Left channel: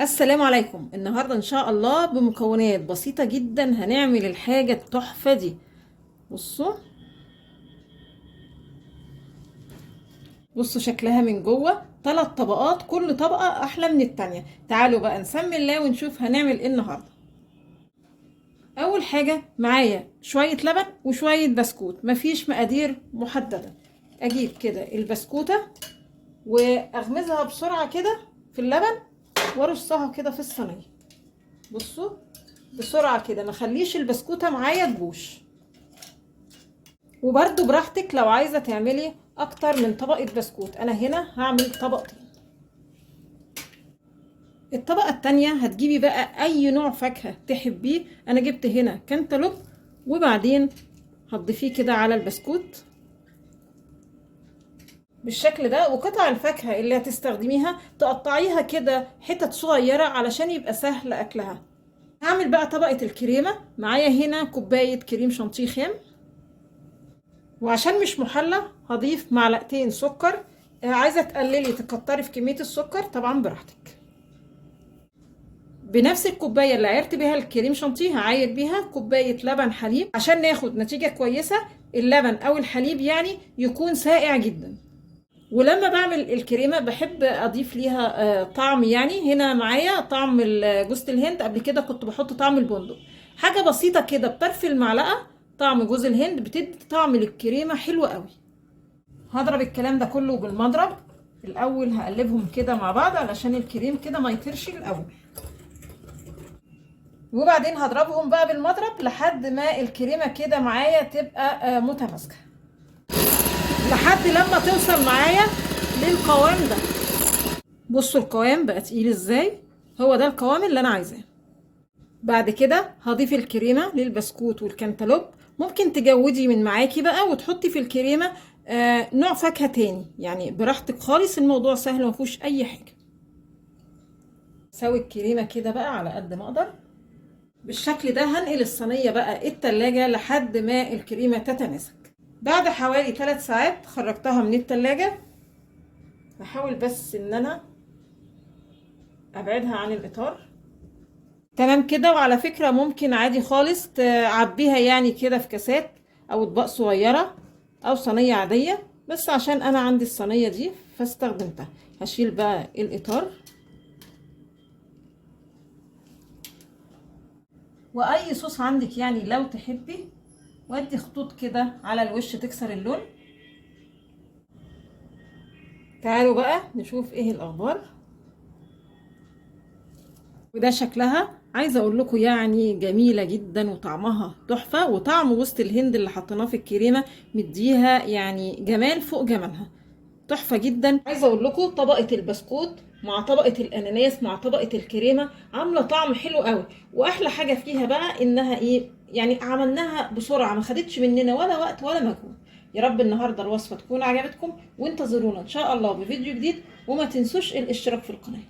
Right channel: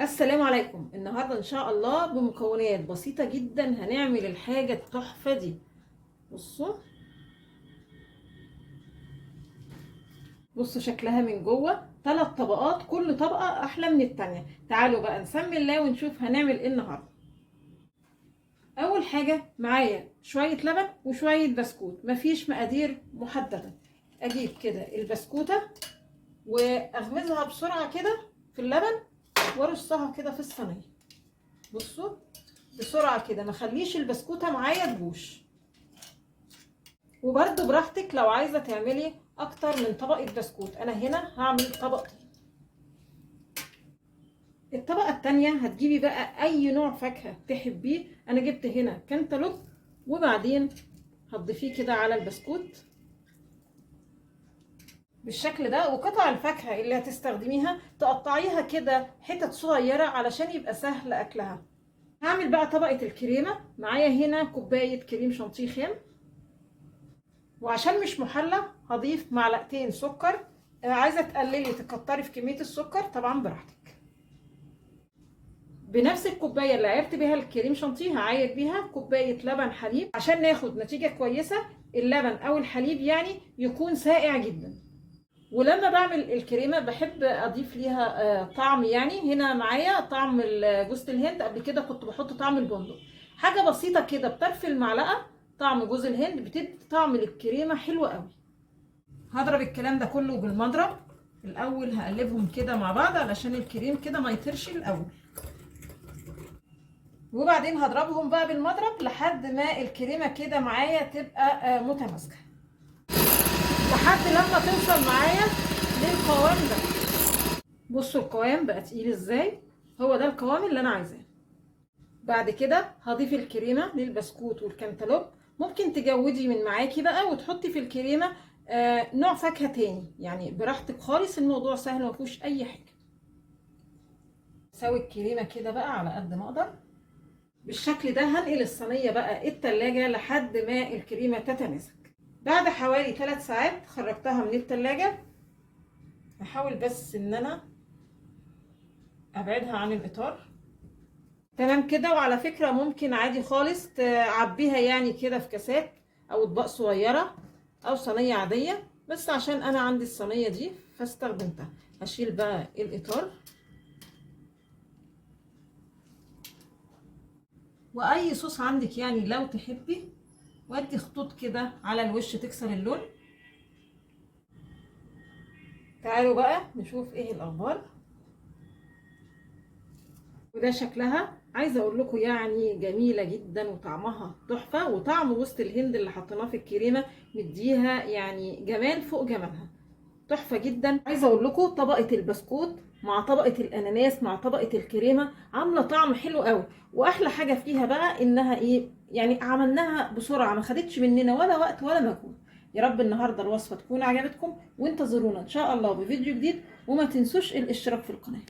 السلام عليكم. النهاردة ان شاء الله بمكونات بسيطة جدا هنعمل الحاجة التحفة دي. بصوا بصوا شكلها من جوه 3 طبقات، كل طبقة احلى من التانية. تعالوا بقى نسمي الله ونشوف هنعمل ايه النهاردة. اول حاجة معايا شوية لبن وشوية بسكوت، مفيش مقادير محددة. اجيب كده البسكوتة واغمزها بسرعة كده في اللبن وارصها كده في الصينية. بصوا بسرعة كده، ما خليش البسكوتة معايا تبوش. وبرده براحتك لو عايزة تعملي اكتر من طبقة بسكوت، انا هنا هعمل طبقتين. الطبقة التانية هتجيبي بقى اي نوع فاكهة تحبيه، انا جبت هنا كانتالوب، وبعدين هتضيفيه كده على البسكوت بالشكل ده. وقطع الفاكهة اللي هتستخدميها تقطعيها كده حتت صغيرة علشان يبقى سهل اكلها. هعمل بقى طبقة الكريمة. معايا هنا كوباية كريم شانتيه خام، وعشان مش محلى هضيف معلقتين سكر. عايزه تقللي تكتري في كميه السكر طبعا براحتك. بنفس الكوبايه اللي عيرت بيها الكريم شانتيه هعاير بيها كوبايه لبن حليب عشان ناخد نتيجه كويسه. اللبن او الحليب يعني يكون ساقع جدا. ولما بعمل الكريمه بحب اضيف ليها طعم، يعني هنا معايا طعم جوز الهند، قبل كده كنت بحط طعم البندق. حاجه بسيطه كده بطرف المعلقه، طعم جوز الهند بتدي طعم للكريمه حلو قوي. هضرب الكلام ده كله بالمضرب. الاول هقلبهم كده مع بعض علشان الكريم كده ما يطيرش الاول، وبعدين هضربهم بقى بالمضرب لحد ما الكريمه كده معايا تبقى متماسكه، لحد لما توصل معايا للقوام ده. بصوا القوام بقى تقيل ازاي، هو ده القوام اللي انا عايزاه. بعد كده هضيف الكريمه للبسكوت والكنتالوب. ممكن تجودي من معاكي بقى وتحطي في الكريمه نوع فاكهه تاني، يعني براحتك خالص، الموضوع سهل مفيهوش اي حاجه. اسوي الكريمه كده بقى على قد ما اقدر بالشكل ده. هنقل الصينيه بقى التلاجة لحد ما الكريمه تتماسك. بعد حوالي 3 ساعات خرجتها من التلاجة. بحاول بس ان انا ابعدها عن الاطار. تمام كده. وعلى فكرة ممكن عادي خالص تعبيها يعني كده في كاسات او اطباق صغيرة او صينية عادية، بس عشان انا عندي الصينية دي فاستخدمتها. هشيل بقى الاطار، واي صوص عندك يعني لو تحبي وادي خطوط كده على الوش تكسر اللون. تعالوا بقى نشوف ايه الاخبار. وده شكلها، عايزه اقول لكم يعني جميله جدا وطعمها تحفه، وطعم وسط الهند اللي حطيناه في الكريمه مديها يعني جمال فوق جمالها، تحفه جدا. عايزه اقول لكم طبقه البسكوت مع طبقه الاناناس مع طبقه الكريمه عامله طعم حلو قوي. واحلى حاجه فيها بقى انها ايه، يعني عملناها بسرعه، ما خدتش مننا ولا وقت ولا مجهود. يا رب النهارده الوصفه تكون عجبتكم، وانتظرونا ان شاء الله بفيديو جديد، وما تنسوش الاشتراك في القناه.